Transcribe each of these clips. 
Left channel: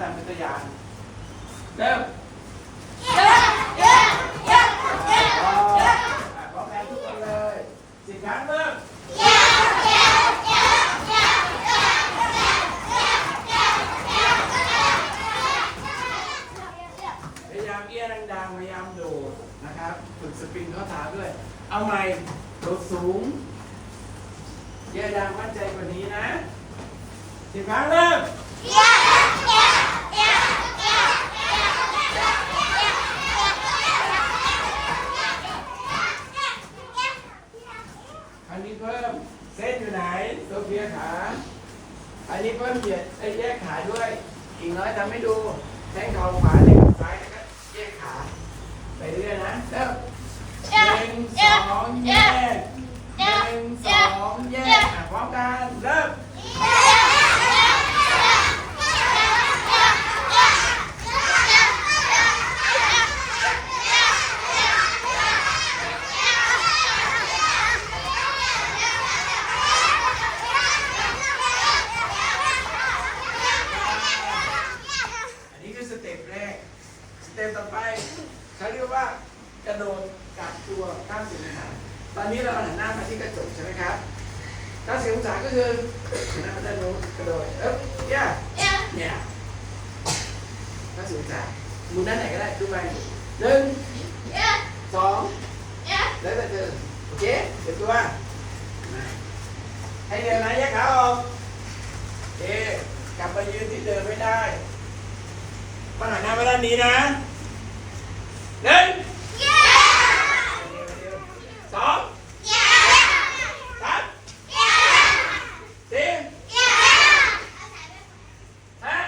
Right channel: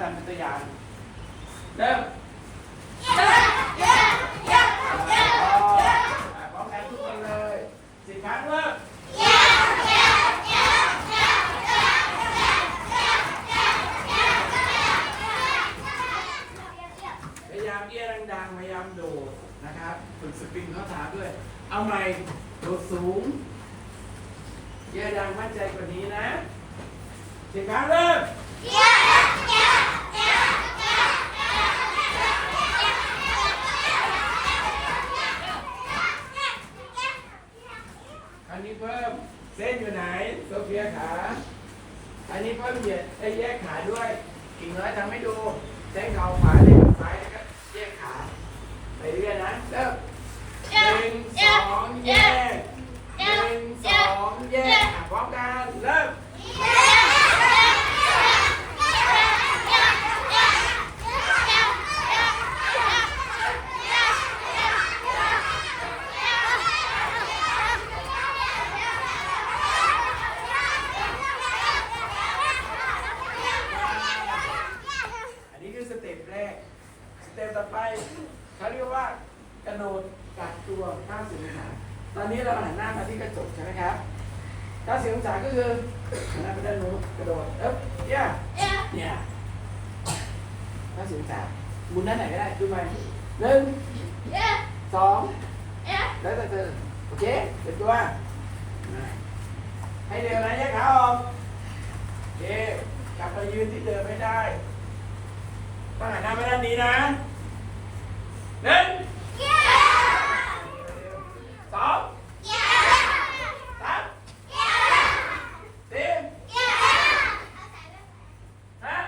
ทำเป็นตัวอย่างเริ่มอะพร้อมแล้วทุกคนเลยสิบครั้งเริ่มพยายามเอี้ยดังๆพยายามโดดนะครับฝึกสปริงเข้าขาด้วย เอาใหม่โดดสูงเอี้ยดังมั่นใจกว่านี้นะสิบครั้งเริ่ม อันนี้เพิ่มเส้นอยู่ไหนโซเฟียขา อันนี้เพิ่มเหยียดไอ้แยกขาด้วย อีกน้อยทำให้ดูแข้งเข่าขวาแข้งเข่าซ้ายแล้วก็แยกขา ไปเรื่อยๆนะเริ่มหนึ่งสองแยกหนึ่งสองแยกอะพร้อมกันเริ่มอันนี้คือสเต็ปแรก สเต็ปต่อไปเขาเรียกว่ากระโดดกลับตัวข้ามสิบองศาตอนนี้เราหันหน้ามาที่กระจกใช่ไหมครับถ้าสิบองศาก็คือหันหน้ามาด้านโน้นกระโดดเอ๊บย่าเนี่ยถ้าสิบองศาหมุนด้านไหนก็ได้ดูไปหนึ่งสองแล้วแต่ เธอโอเคเสร็จตัวให้เร็วนะแยกขาออกโอเคกลับไปยืนที่เดิมไม่ได้มาหันหน้ามาด้านนี้นะหนึ่งสองสามสี่ห้า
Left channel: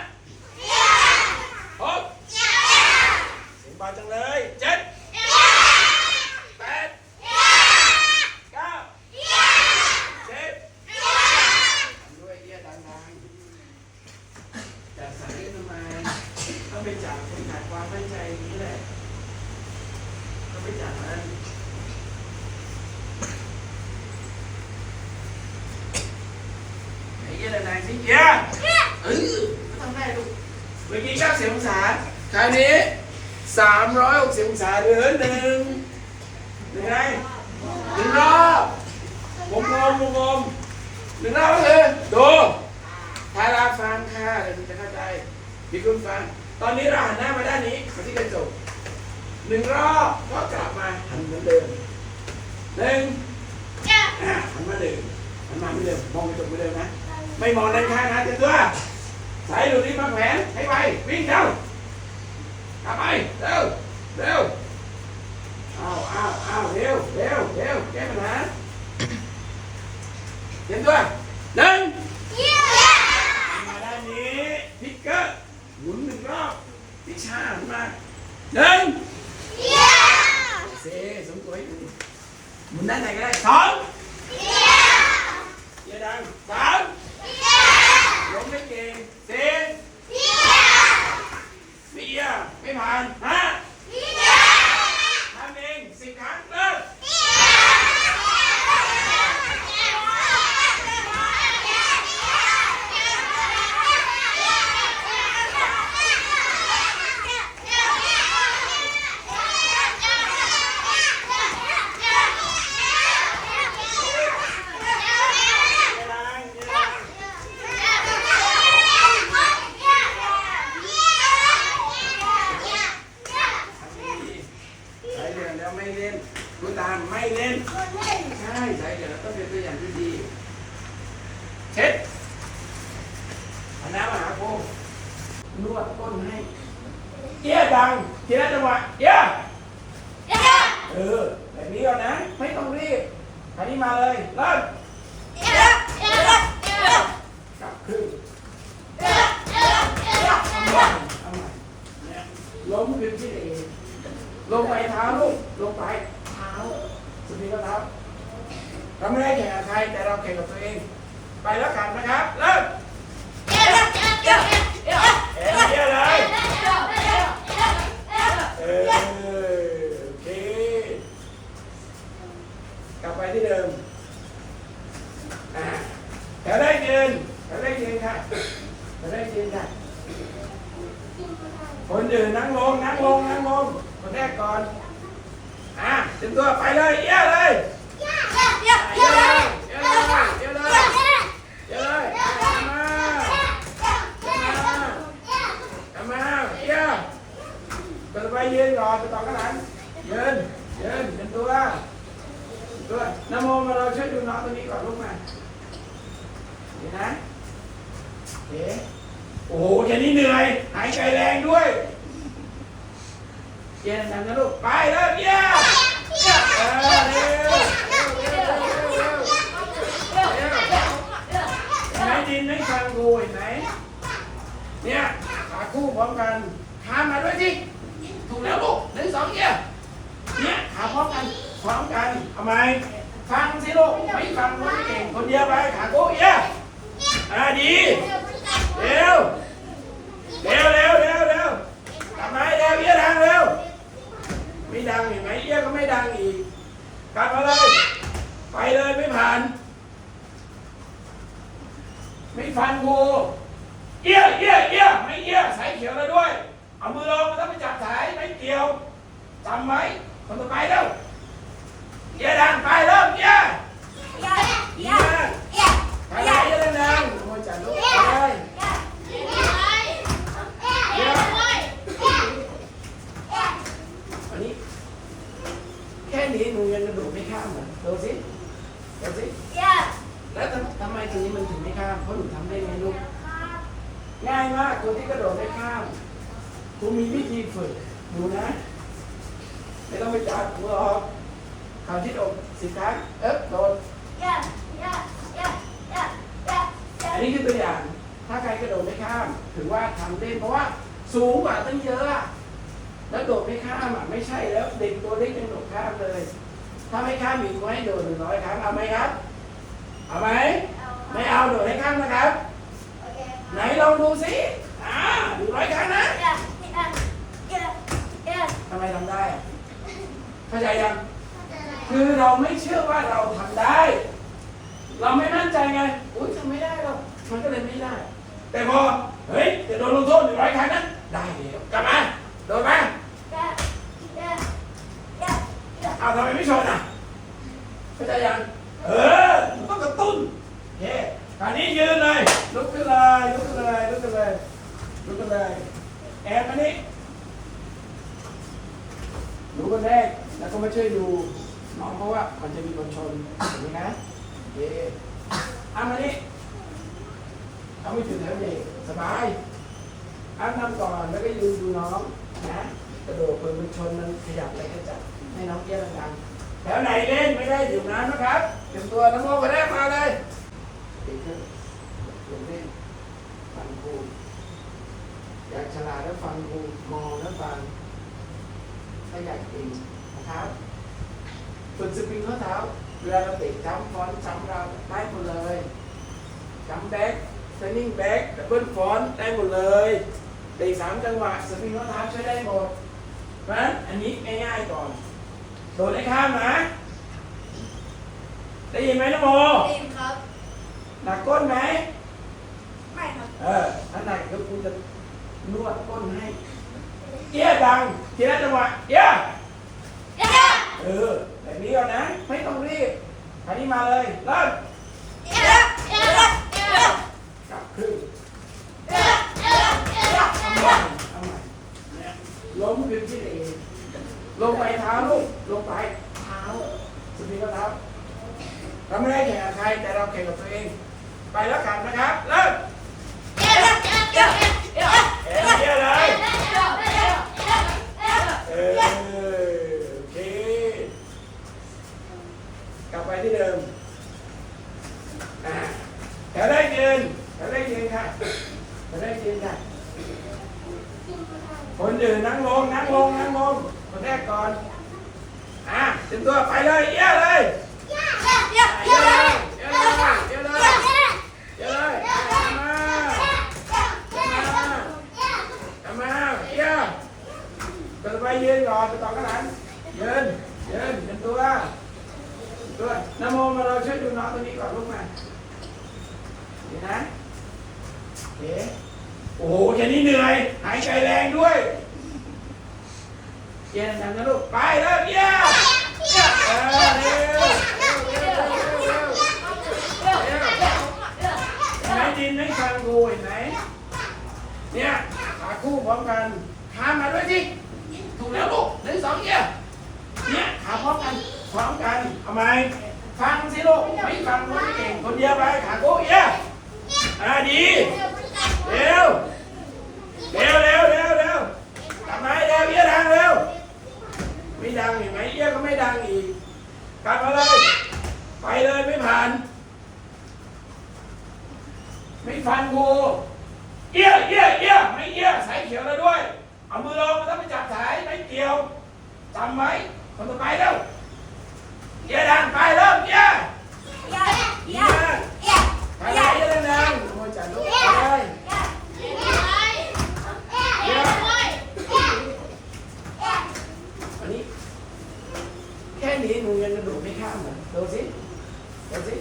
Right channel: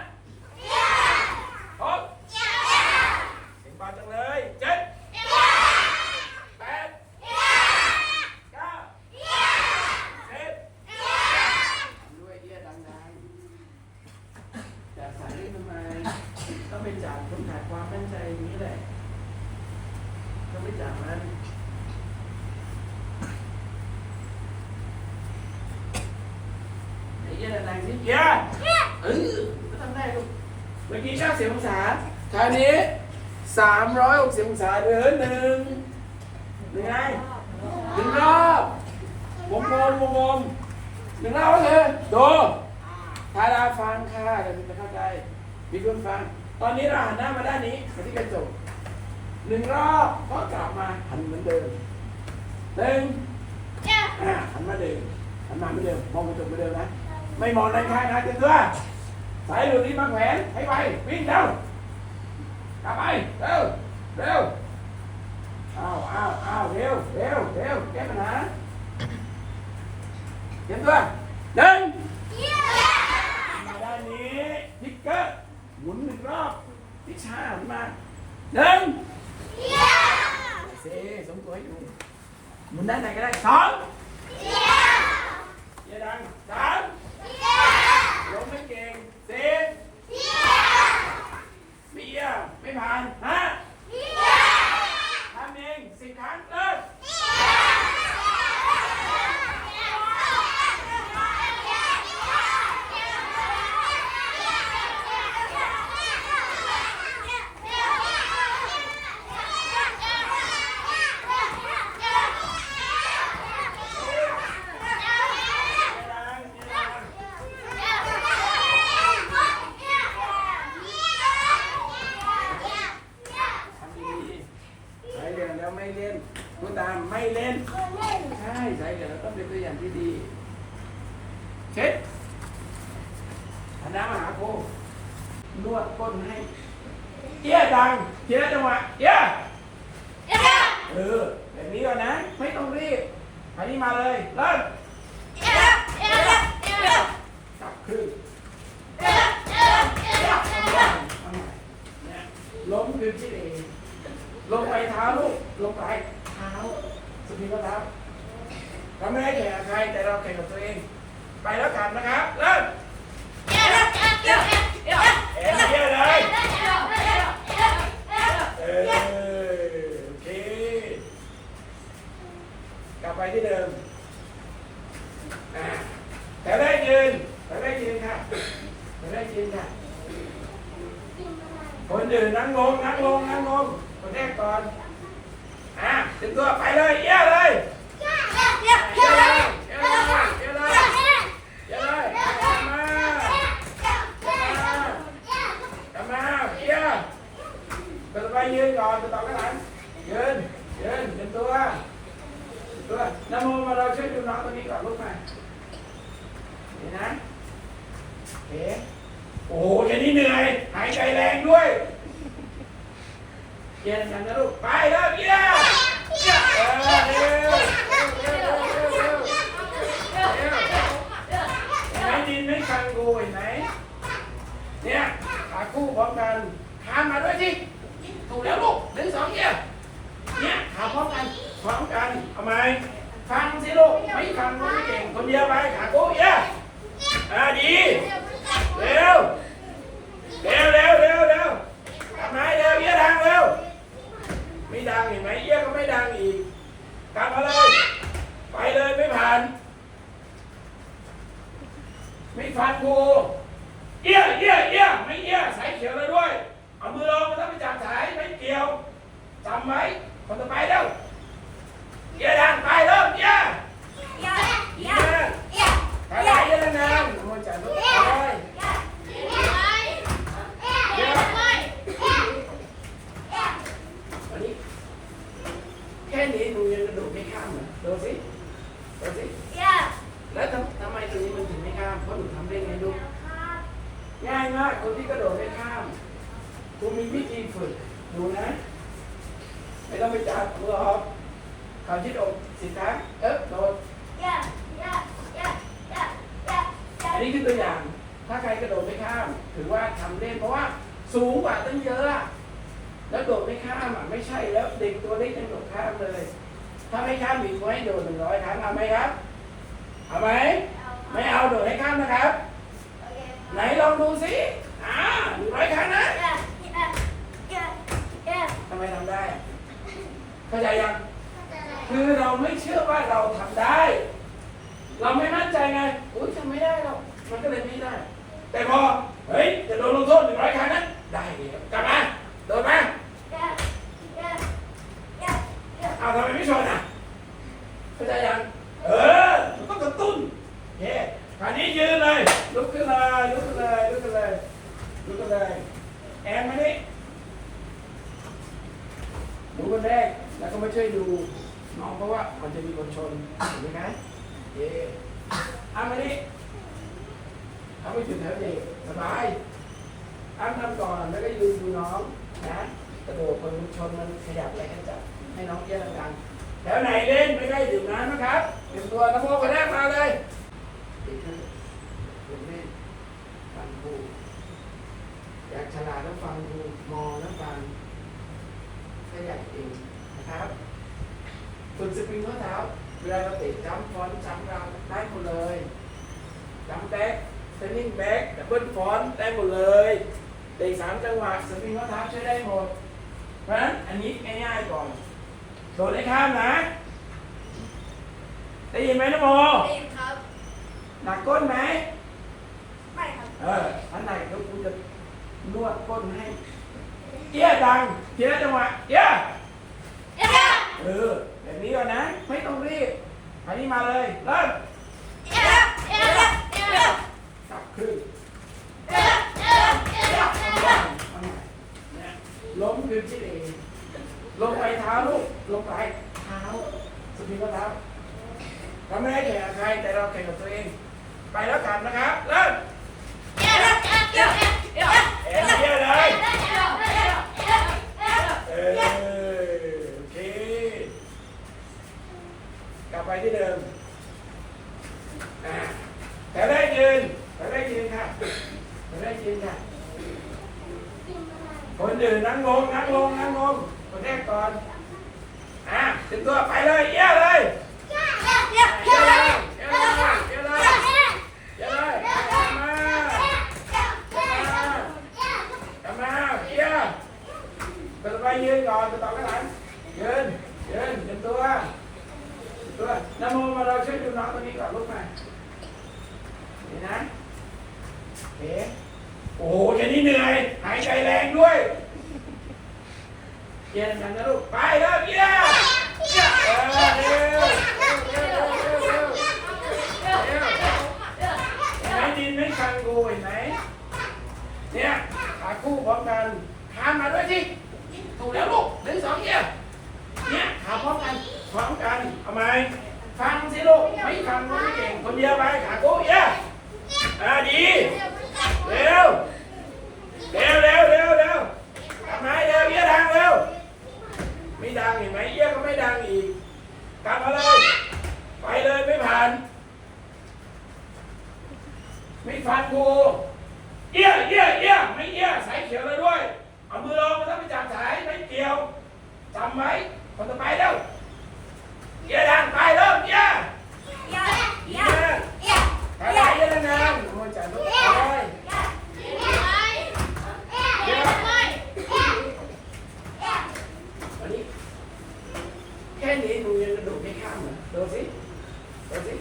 หกเสียงเบาจังเลยเจ็ดแปดเก้าสิบทำด้วยเอี้ยดังๆจะใส่เล่นทำไม ต้องไปจากคนขาดความมั่นใจนี้แหละ ต้องไปจากนั้นไเยอะไรนายสิเหี้ยเออไม่ต้องได้ลูกเมื่อกี้เก้าสิบองศาคราวนี้สามร้อยหกสิบองศาเดือนหนึ่งหนึ่งไงหนึ่งรอบวงกลมวงกลมหนึ่งรอบก็คือดูถ้าเราฟังค่ะเดี๋ยวคุณจะเข้าใจมีคุณฟัง ตอนนี้เราหันหน้ามาด้านนี้มาที่กระจกหนึ่งรอบก็กลับมาหันเหมือนเดิมหนึ่งหันมาเดิมหันมาเหมือนเดิมมองกระจกเหมือนเดิมนะ ไม่มองด้านข้างนะเต็มตัวสายหลุดนี้มาแขวนให้ไปวิ่งเร็วกลับไปเร็วเร็วอ้าวอ้าวอ้าวเร็วเร็วเร็วแก้ปัญหาเตรียมตัวหนึ่งมาด้านนี้พิกเกอร์หมุนหนึ่งรอบพิชชาหันมาหนึ่งเซสมตัวให้ดูหมุนด้านไหนก็ได้สองเยอะดังสามลงไม่เก่งสี่เบียร์ ไม่ผ่าน ฮะทำเองสิบครั้งเริ่มเยอะดังเยอะดังทำดีๆสายเหลืองแล้ว ไม่เล่นดูตามไม่เล่น ใช่สายเหลืองต้องเป็นตัวอย่างที่ดี เช็ดเอาน้ำมาหาโคนวดก้นให้เอี้ยดังทีละจังหวะเอี้ยเออแบบนี้ก่อนนะ ไม่ต้องรีบอันนี้มาเลยเริ่มกลับขึ้นเอาใหม่เอาใหม่เนี่ยล้มขึ้นที่เองลงไปเท้าลูก ลงไปเท้าสุดที่ก็เท้าเราไม่ได้แข่งกับใครแต่เราแข่งกับตัวเอง ไปแล้วกันนะครับเริ่มเอ็นเดียวเลยเออโอเคกลับไปที่เดิมอ่าแถวได้ยืนแถวได้ยืนค่ะแถวได้ยืนค่ะคนอื่นนั่งลงนั่งลงนั่งลงคนแรกก่อน อะเตรียมตัวไปเลยเอี้ยเลยเดี๋ยเลยเดี๋ยเลยเดี๋ยวเลยเดี๋ยเลยกลับมากลับมาเดี๋ยตัวไปยืนก่อนตัวต่อกันหลังยืนยืนเป็นตัวตัวนโมมาเราช่วยดูน้องตัวนี้ก่อนลูกมาเห็นนะเอ๋โอ้โหแค่นี้เหนื่อย หายใจแรงด้วย เย็นนนะลูก ไปแล้วเดี๋ยวเออเร็วเร็วเร็วเร็วเร็วเร็วเห็นไหมดินไม่ฟังกูเห็นไหมเนี่ยขาคู่พร้อมกันทานมาด้วยสิถูกแล้วลูกหนึ่งสองเนี่ยเนี่ยขาพร้อมกันพร้อมกันเอาไหมฟังสิลูกไม่ฟังก็ไม่เก่งคนเดียวไปขาคู่เอี้ยอ่าดีเร็วเร็วเร็วเร็วเร็วทำไมเร็วเอี้ยดังเร็ว ไม่ดังเห็นไหมเอี้ยก็ไม่ดังอีกกลับมาเลย ไปเลยไม่ผ่าน ไม่ฟันกูเอี้ยเอี้ยเอี้ยไม่เอี้ยสายเขียวแล้วด้วย เอามือลงถ้าไปจับสายไม่เกี่ยวจำไว้คนต่อไปเร็วเอี้ยดังไปเริ่มเอี้ยเอี้ยใครไหนเอี้ยดังๆโอ้ยจัดลูกไปอันนี้แค่นี้หนูยังกระโดดไม่ข้ามเหรอดูสิดูสิ แล้วทำทำไมทีนี้มันถึงไม่ข้าม เพราะหนูทำได้ไงลูก ง่ายมากคนที่กระโดดไม่ข้าม กูมีวิธีฝึกดูนะ ไม่ต้องไปจับกูหรอกข่าวที่อกสิครั้งเอ๊ะโดดอันนี้คือตัวอย่าง ถ้าใครกระโดดไม่ข้าม ถือว่าทำเล่นเพราะว่า สูงกว่าตั้งเยอะอะแล้วโดดไม่ข้ามอะไม่ใช่แล้วเด็กตัวเล็กยังโดดข้ามเลย ถ้าไม่ข้ามอีกไว้โดดหนึ่งร้อยครั้งเอาไหมครับ เอาไหมไม่เอาโดดให้ข้ามนะครับ ไหนลองดูสิอ่าหนึ่งร้อยครั้งนะทำ ไมทำได้เข้าใจยังคือเราไม่เชื่อว่าเราทำได้ เราไม่มั่นใจไงอุ้ยทำไม่ได้หรอกมันก็เลยไม่ได้ แต่พอเฮ้ยจะโดนลงโทษหนึ่งร้อยครั้งนะได้เดี๋ยวกลับมาโดนมาเอาทำไมไม่ชนอะเข้าใจยังเออต้องกระตุ้นเย้คราวนี้ยืนเลยลุกขึ้นเลยลุกขึ้นเลยลุกขึ้นเลยลุกขึ้นเลยแอนมานี่ ดูคนแรกแล้วก็มาช่วยดูน้องเพราะว่ามันจะมีคนชนเห็นไหมคะเย้เอามานี่เอาไม่ถึงแล้วเด็กสบายอ้ามทำก่อนแล้วก็ยืนดูน้องนะกระโดดคนมันชนมันขยับอะไรก็จับให้น้องเกี้ยวดังๆแถวไหนเล่นไม่ได้ดื่มน้ำนะครับเตรียมตัวน้ำโมคนแรกมาเลยเด็กนเด็กเล่นฟังครูอยากฉลาดแล้วฟังครูมองแล้วฟัง ถ้าอยากเองนะครับฝึกสปริงข้อเท้าเวลาเราเตะจัมป์ฟอนต์จัมป์เราได้หมดเลยจัมป์แบ็กเทนนิ่งแบ็กดับเบิลฟอนต์ได้หมดเลยเตะสามจังหวะสปริงข้อเท้าใช้ได้หมดเพราะฉะนั้นอันนี้ง่ายๆก่อนโดดให้ข้ามนะได้ยินไหมนะโมหนักก้นไหมเออถ้าหนักเดี๋ยวกูจะนวดก้นให้ เอี้ยดังทีละจังหวะเอี้ยเออแบบนี้ก่อนนะไม่ต้องรีบคราวนี้มาเลยเริ่มจับขึ้นเอาใหม่เนี่ยล้มขึ้นที่เองลงไปเท้าลูกลงไปเท้าสุดที่ก็เท้าเราไม่ได้แข่งกับใครแต่เราแข่งกับตัวเอง ไปแล้วกันนะครับเริ่มเอ็นเยี่ยเลยเออโอเค กลับไปที่เดิม อ่าแถวแรกยืนแถวแรกยืนค่ะแถวแรกยืนค่ะ คนอื่นนั่งลง นั่งลง นั่งลง คนแร กก่อนอ่าเตรียมตัวไปเลยเยี่ยเลยเยี่ยเลยเยี่ยเลยเยี่ยเลยเยี่ยเลยกลับมากลับมาเยี่ยตัวไปยืนก่อนตัวต่อกันหลังยืนยืนเตรียมตัวเตรียมตัวนโมมาเราช่วยดูน้องตัวนี้ก่อนลูกมาเห็นนะโอเคโอ้โหแค่นี้เหนื่อยหายใจแรงด้วย เย็นกันนะลูก ไปเร็วเยี่ยมเออเร็วเร็วเร็วเร็วเร็วเร็วเห็นไหมดินไม่ฟังกูเห็นไหมเนี่ยขาคู่พร้อมกันทานมาด้วยสิถูกแล้วลูกหนึ่งสองเยี่ยเนี่ยขาพร้อมกันพร้อมกันเอาไหมฟังสิลูกไม่ฟังก็ไม่เก่งคนเดียวไปขาคู่เยี่ยอ่าดีเร็วเร็วเร็วเร็วเร็วทำไมเร็วเยี่ยดังเร็ว ไม่ดังเห็นไหมเอี้ยก็ไม่ดังอีกกลับมาเลย ไปเลยไม่ผ่าน ไม่ฟันกูเอี้ยเอี้ยเอี้ยไม่เอี้ยสายเขียวแล้วด้วย เอามือลงถ้าไปจับสายไม่เกี่ยวจำไว้คนต่อไปเร็วเอี้ยดังไปเริ่มเอี้ยเอี้ยไปไหนเอี้ยดังๆโอ้ยจัดลูกไปอันนี้ แค่นี้หนูยังกระโดดไม่ข้ามเหรอดูสิดูสิ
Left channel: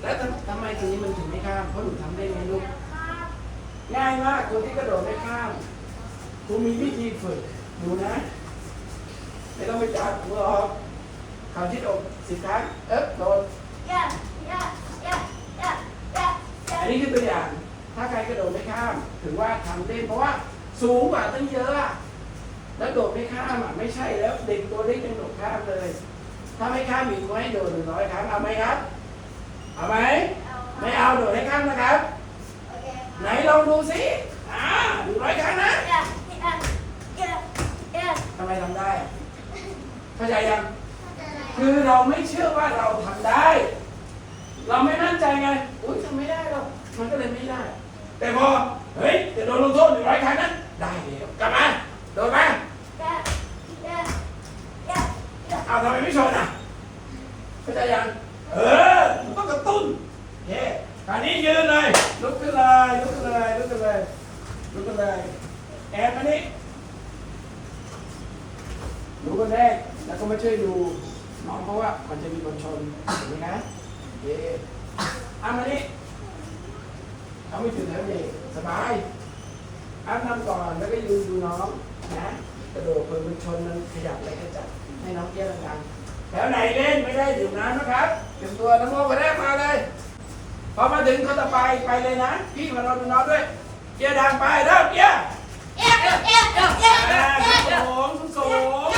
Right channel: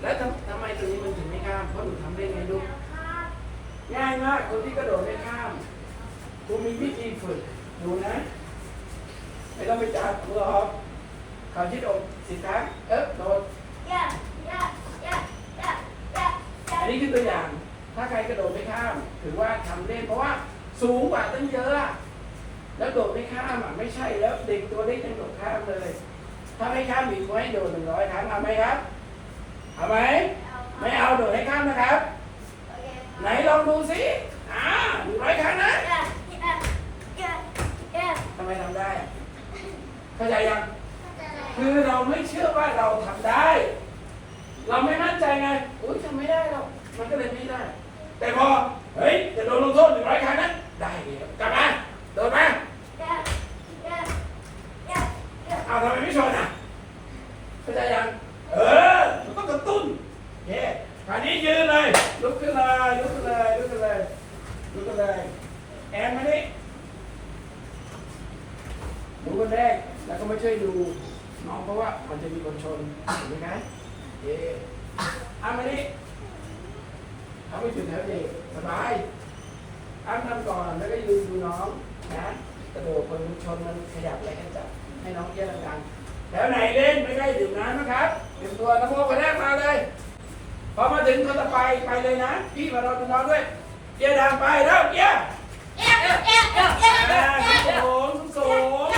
แล้วทำทำไมตรงนี้มันถึงไม่ข้ามเพราะหนูทำได้ไงลูก ง่ายมากคนที่กระโดดไม่ข้ามครูมีวิธีฝึกหนูนะ ไม่ต้องไปจับมือออกเขาชิดอกสิครั้งเอ๊ะโดดอันนี้คือตัวอย่าง ถ้าใครกระโดดไม่ข้าม ถือว่าทำเล่นเพราะว่าสูงกว่าตั้งเยอะอะ แล้วโดดไม่ข้ามอะไม่ใช่แล้วเด็กตัวเล็กยังโดดข้ามเลย ถ้าไม่ข้ามอีกก็ให้โดดหนึ่งร้อยครั้งเอาไหมครับ เอาไหมไม่เอาโดดให้ข้ามนะครับ ไหนลองดูสิอ่าหนึ่งร้อยครั้งนะทำไมทำได้อะเข้าใจยังคือเราไม่เชื่อว่าเราทำได้ เราไม่มั่นใจไงอุ้ยทำไม่ได้หรอกมันก็เลยไม่ได้ แต่พอเฮ้ยจะโดนลงโทษหนึ่งร้อยครั้งนะได้แล้วกลับมาโดนมา เอาทำไมไม่ชนอะเข้าใจยังเออมันต้องกระตุ้นเย้คราวนี้ยืนเลยลุกขึ้นเลยลุกขึ้นเลยลุกขึ้นเลยลุกขึ้นเลยแอนมานี่หนูคนแรกแล้วก็มาช่วยดูน้องเพราะว่ามันจะมีคนชนเห็นไหมคะเย้เอามานี่เอาไม่ถึงแล้วนี่สบายอ้ามทำก่อนแล้วก็ยืนดูน้องนะกระโดดคนมันชนมันขยับอะไรก็จับ ให้น้องเยี่ยมกันแถวไหนเล่นไม่ได้ดื่มน้ำนะครับเตรียมตัวน้ำโมคนแรกมาเลยพอมาถึงคนต่อไปไปเลยนะ พี่มาเราดูน้องด้วยเยี่ยดังไปเริ่มเยี่ยอ่าสูงสูง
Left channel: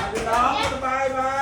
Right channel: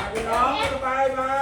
มาดูน้องคนต่อไปไปดูน้อง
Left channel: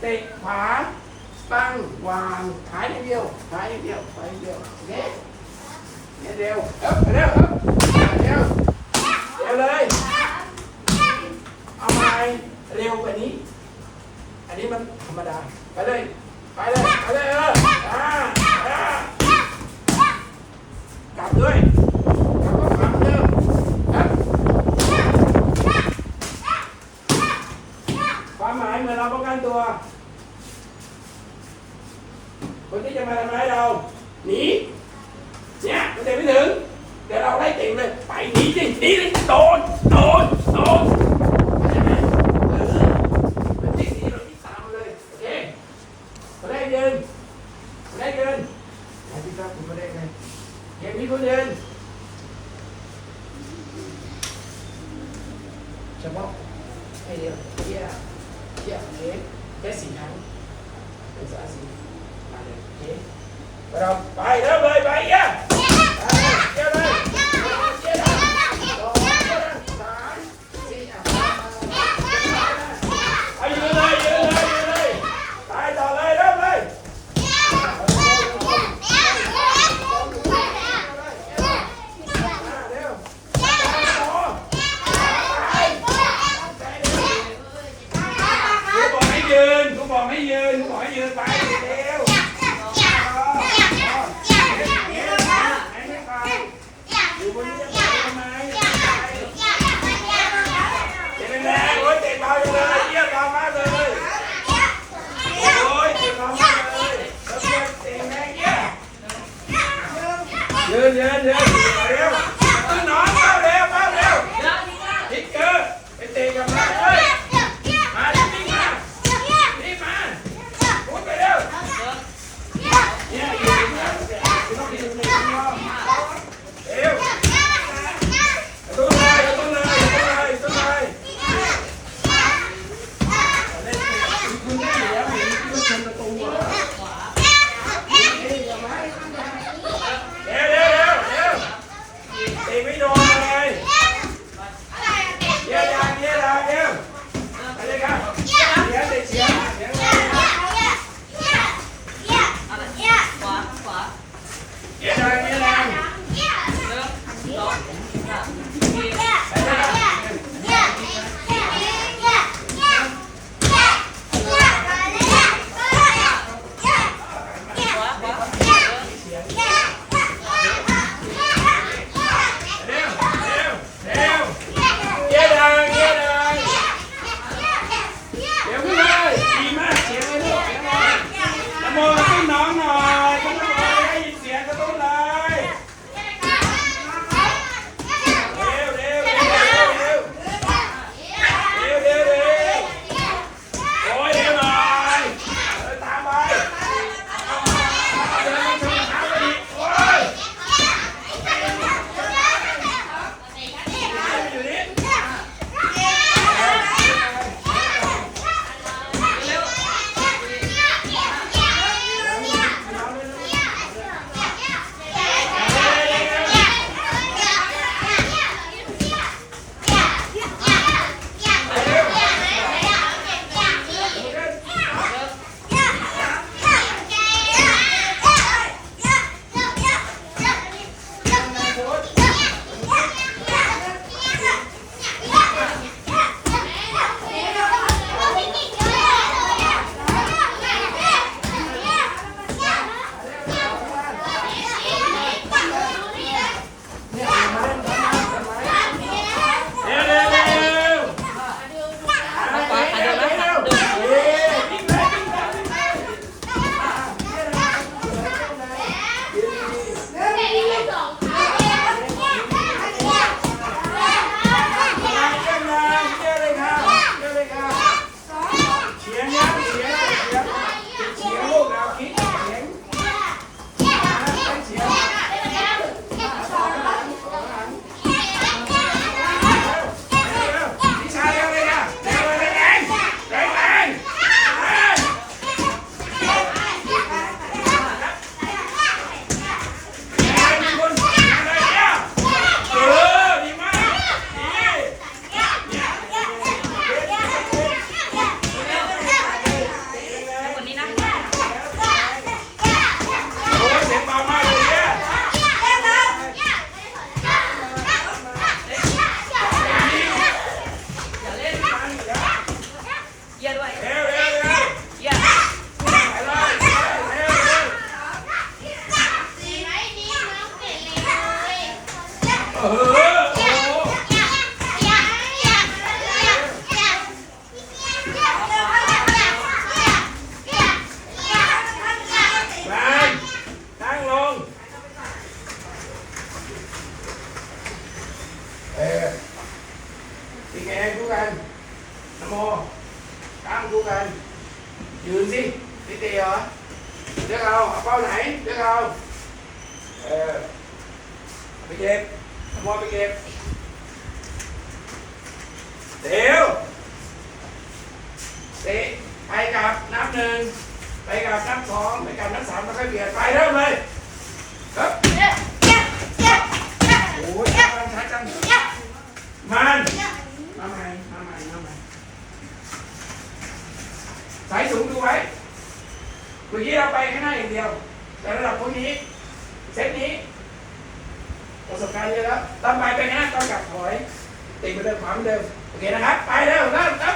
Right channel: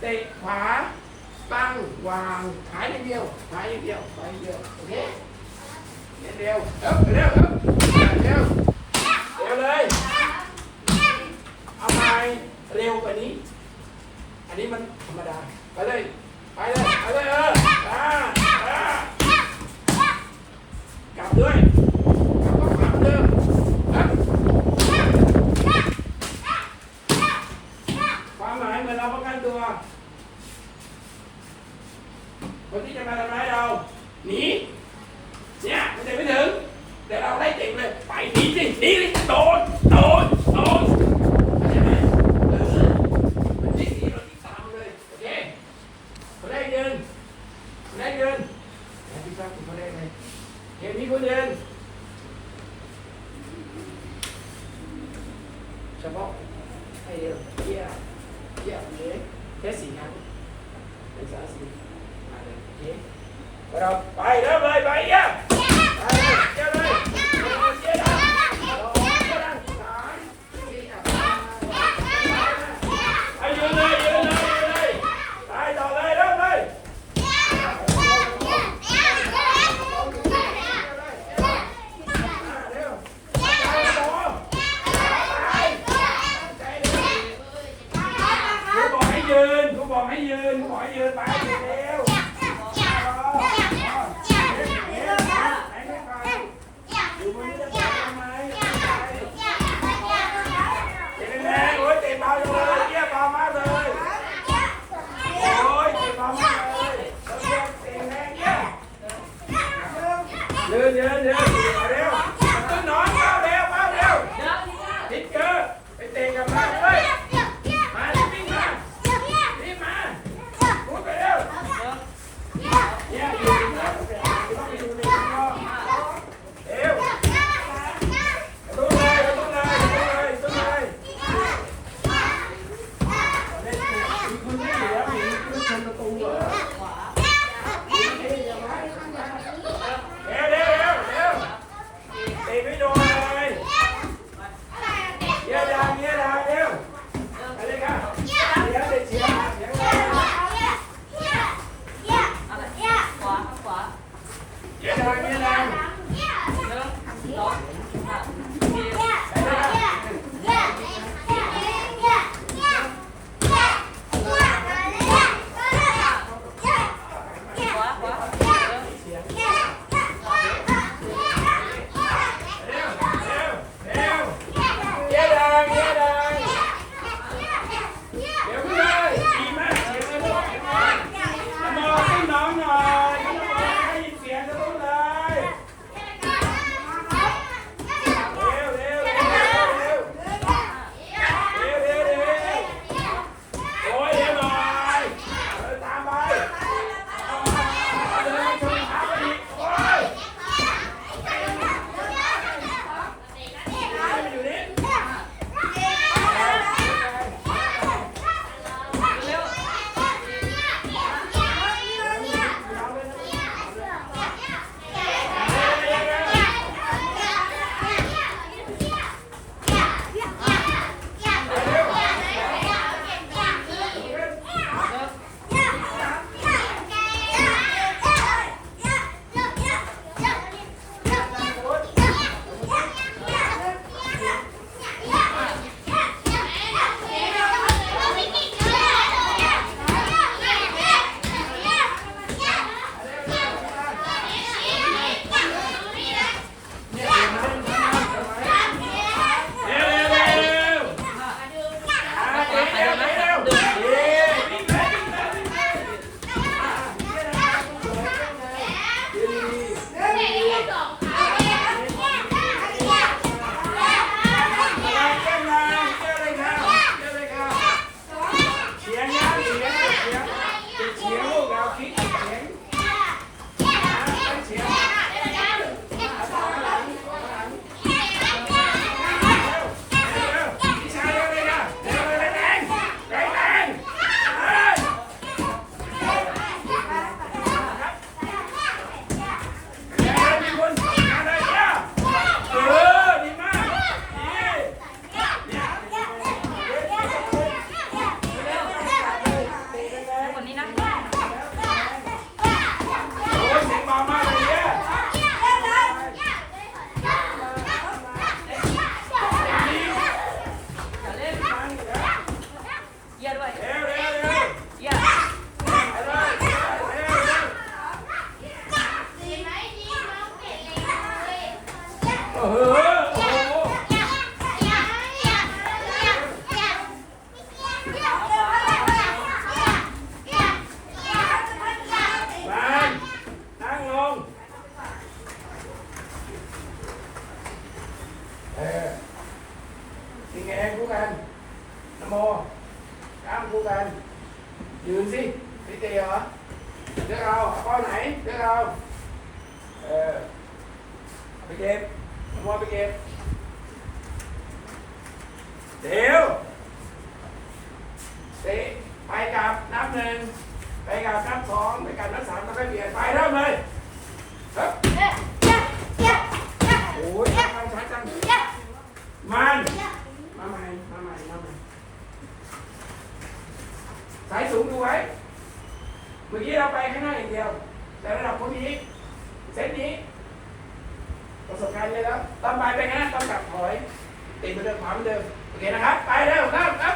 เตะขวาตั้งวางหายอย่เดียวหายอย่เดียวหายอย่เดียวโอเคเร็วเดียวเดียวเดียวเดียวเลยเอาไปเร็วกว่านี้ อันนี้มันธรรมดาไปเลยไปเลยไปเลยเออกลับด้วย มาทำร้ายเราหนีเนี่ยมันจะไม่ถึงแต่เราไล่เต็มเลยไปหนีสิหนีเลยโดนโดนโดนใช่ไเอเราที่ยโอเคาได้เดินได้เดินแล้วพี่ชายคุณมาได้เลยเห็นมีคนเดิน ตั้งคู่กันยืนสินิดเตียวเลือกเราเอาเป้าไหนเลือกเราเออไปเก็บมอไปเก็บเดี๋ยวเตะไปกับนับหนึ่งไปกับนับสองไปกับนับสามต้องไปเบียดไปเริ่มเลยครับโอ้ยตั้งตั้งมันมาใหม่มาใหม่มาใหม่ายสูงดูไว้เมื่อกี้เราไปข้างหน้าอย่างเดียว แต่ระดับพวกนี้ เซตนี้ ประสบการณ์เยอะแล้วตามไปไปข้างหน้าต้องกลับถอย ติดไปเดิมขวาเหมือนเดิม โอเคนะครับ ไปเร็วนั่งครับ